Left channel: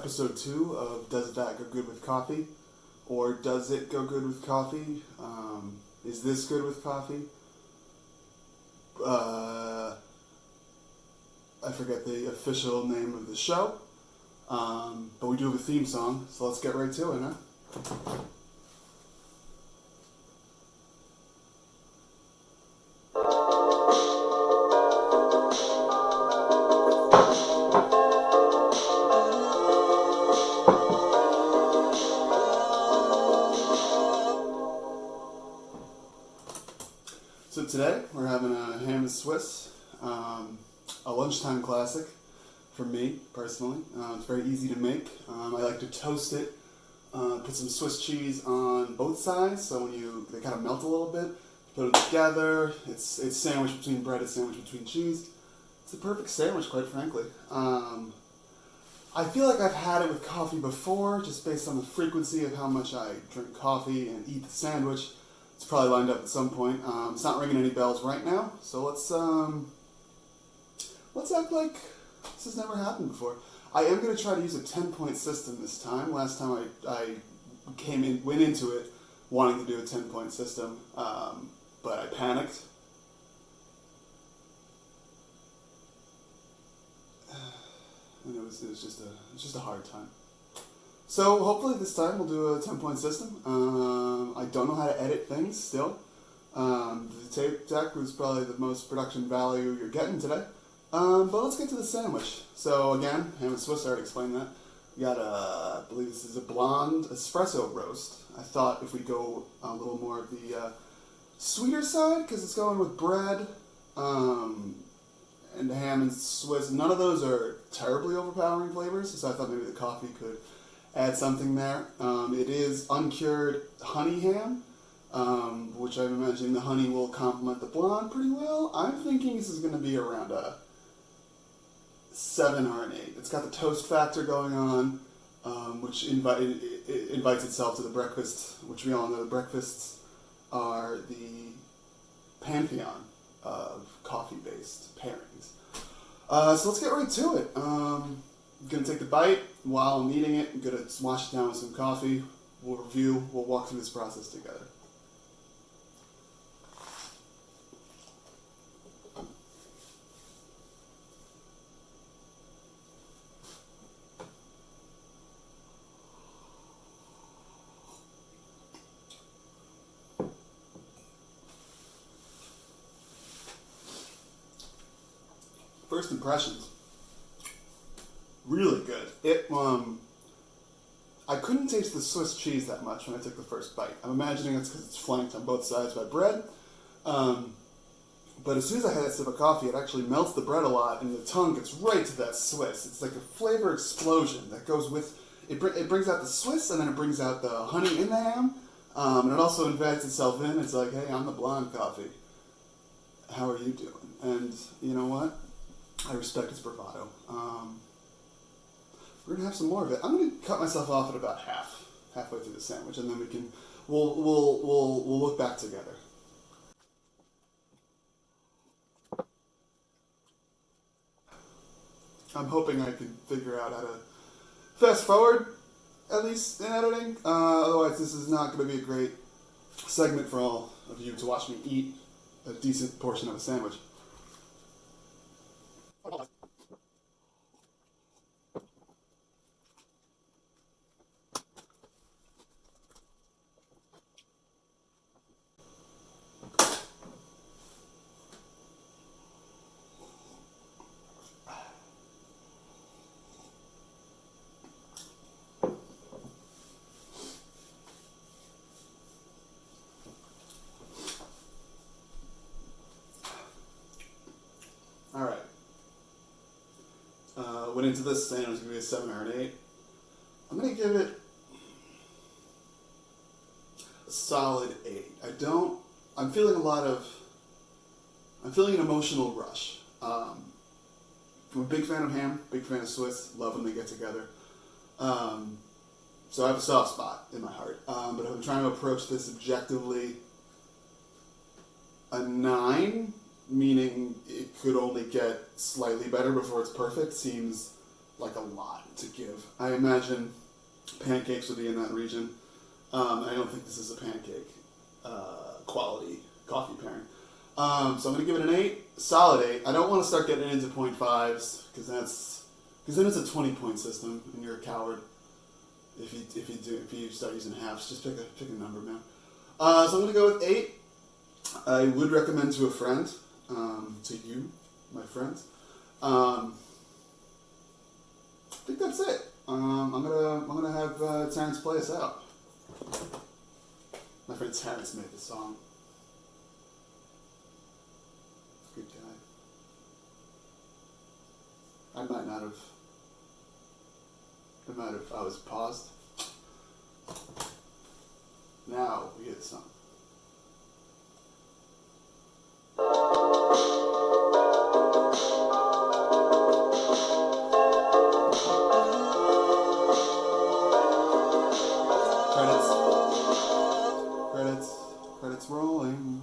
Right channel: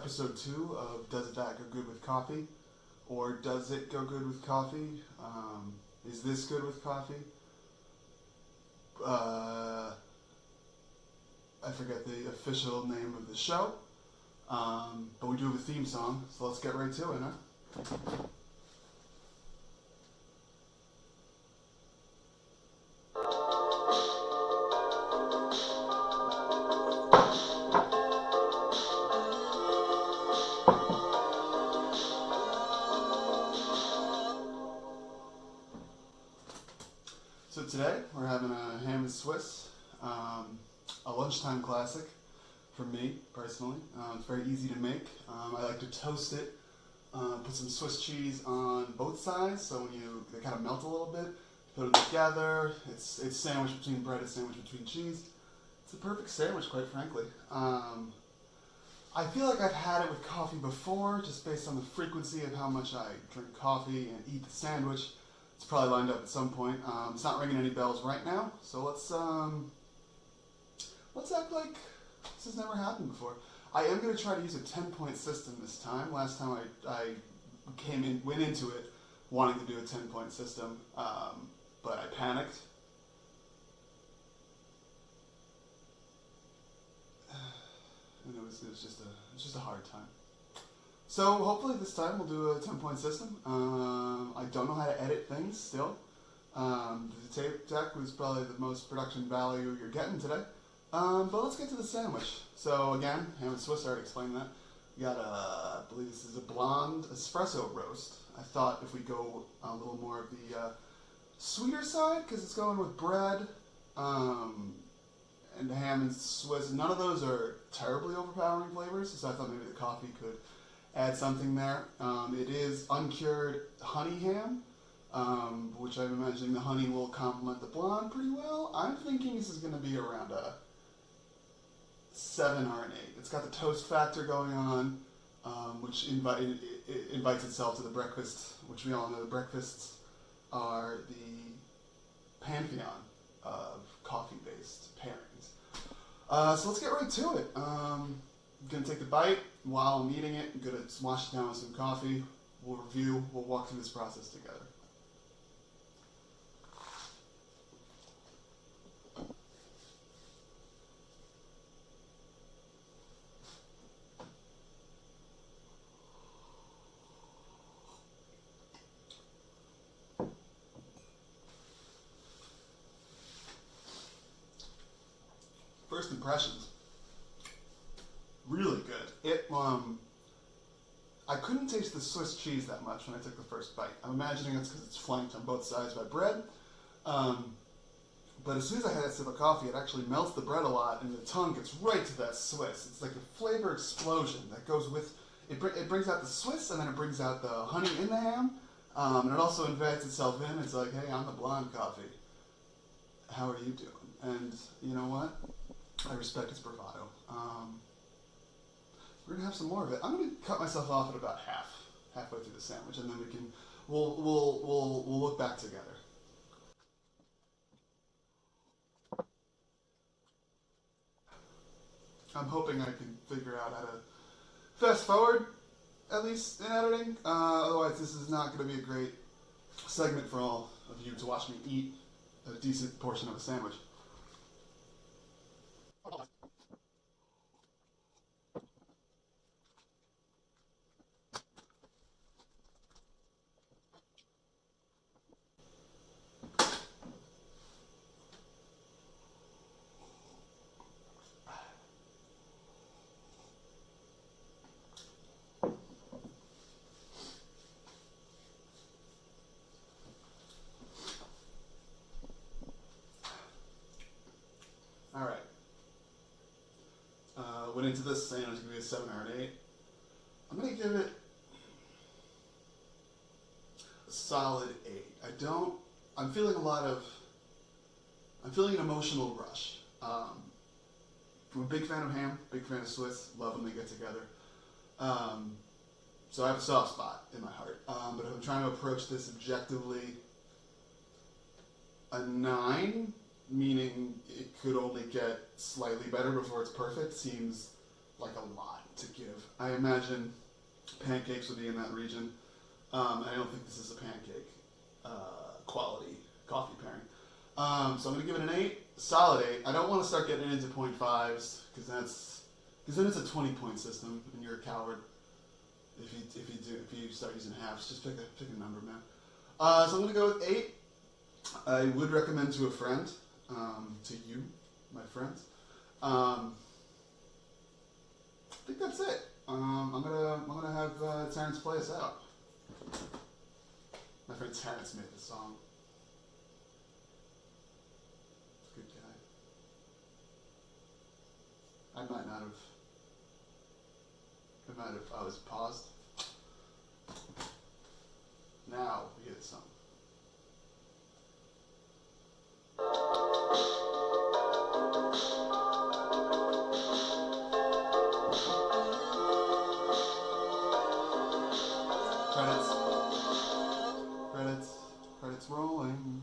episode 2 of Does That Go Good with Coffee? Or Does It Go Good with Coffee? Is this good with coffee? I forget the official name of the show. But we do have a theme song, so let's get right to it, huh? So today we're having a ham and Swiss, a lunchtime classic for me personally. It's very easy to make. I like to toast it, put some Swiss cheese on both sides, so when they kind of melt a little bit, put them together. It's sandwich between bread, it's sandwich between cheese. It's the perfect sandwich, quite frankly. I feel like I've had it with coffee before, just based on the frequency of how much I drink coffee and eat the sandwich. It's probably lined up at some point. It's not ringing any bells right now, so let's act like this has never happened before. I am going to try to use a 10-point system this time. Last time I went into it wanting to do a 10-point system, but I panicked. And it was just a hard time. So hopefully this time we'll do a 10-point system. I don't know how to edit things still. The tape deck was probably the most production value you're getting today. But let's get to the sandwich. So again, ham and Swiss, I already explained that. We got I believe this is a blonde espresso roast. I thought if we go a little more of the sweeter side, because it's going with bread, and ham and Swiss. None of those are terribly overpowering flavors, so I thought maybe the coffee could add something there. It is uncured honey ham, which I'm imagining the honey will complement the blonde pretty well. I'm thinking this is going to be around a 7 or an 8. It's got the toast factor going on, which invites itself to the breakfast, which we all know the breakfasts are the pantheon of coffee-based pairings. So let's get right to it. I'm going to take the bite. While I'm eating it, I'm going to wash it down with some coffee. We'll review, we'll walk through this process together. First impressions. Really good. I couldn't taste the Swiss cheese that much when I took the first bite. I'm imagining it's because it's flanked on both sides by bread. But as soon as I had that sip of coffee, it actually melts the bread a lot, and the tongue gets right to that Swiss. It's like a flavor explosion that goes with it. It brings out the Swiss, and then it brings out the honey in the ham, and it also embeds itself in. It's like, hey, I'm the blonde coffee. How are you doing? And you know what? I respect its bravado. We're gonna have some more of it. I'm gonna cut myself off at about halfway through the sandwich, and then we'll look back together. I'm hoping I can figure out how to fast forward, at least in editing. Otherwise, this is not gonna be a great segment for all of you to watch me eat a decent portion of a sandwich. All right. Went into this saying it was going to be a 7 or an 8. I'm going to give it a solid 8. I'm feeling an emotional rush. I'm a big fan of ham, big fan of Swiss, love when they get together. So I have a soft spot in my heart. But if I'm trying to approach this objectively, a 9, meaning it could only get slightly better before it's perfect, seems like a lot to give. I imagine pancakes would be in that region. I don't think this is a pancake quality coffee pairing. So I'm gonna give it an 8, solid 8. I don't want to start getting into 0.5s because then it's a 20-point system and you're a coward if you start using halves. Just pick a number, man. So I'm gonna go with 8. I would recommend to a friend, to you, my friends. I think that's it. I'm gonna have Terrence play us out. My friend Terrence made the song. Good guy. I was paused. Now we get the song. Credits rolling.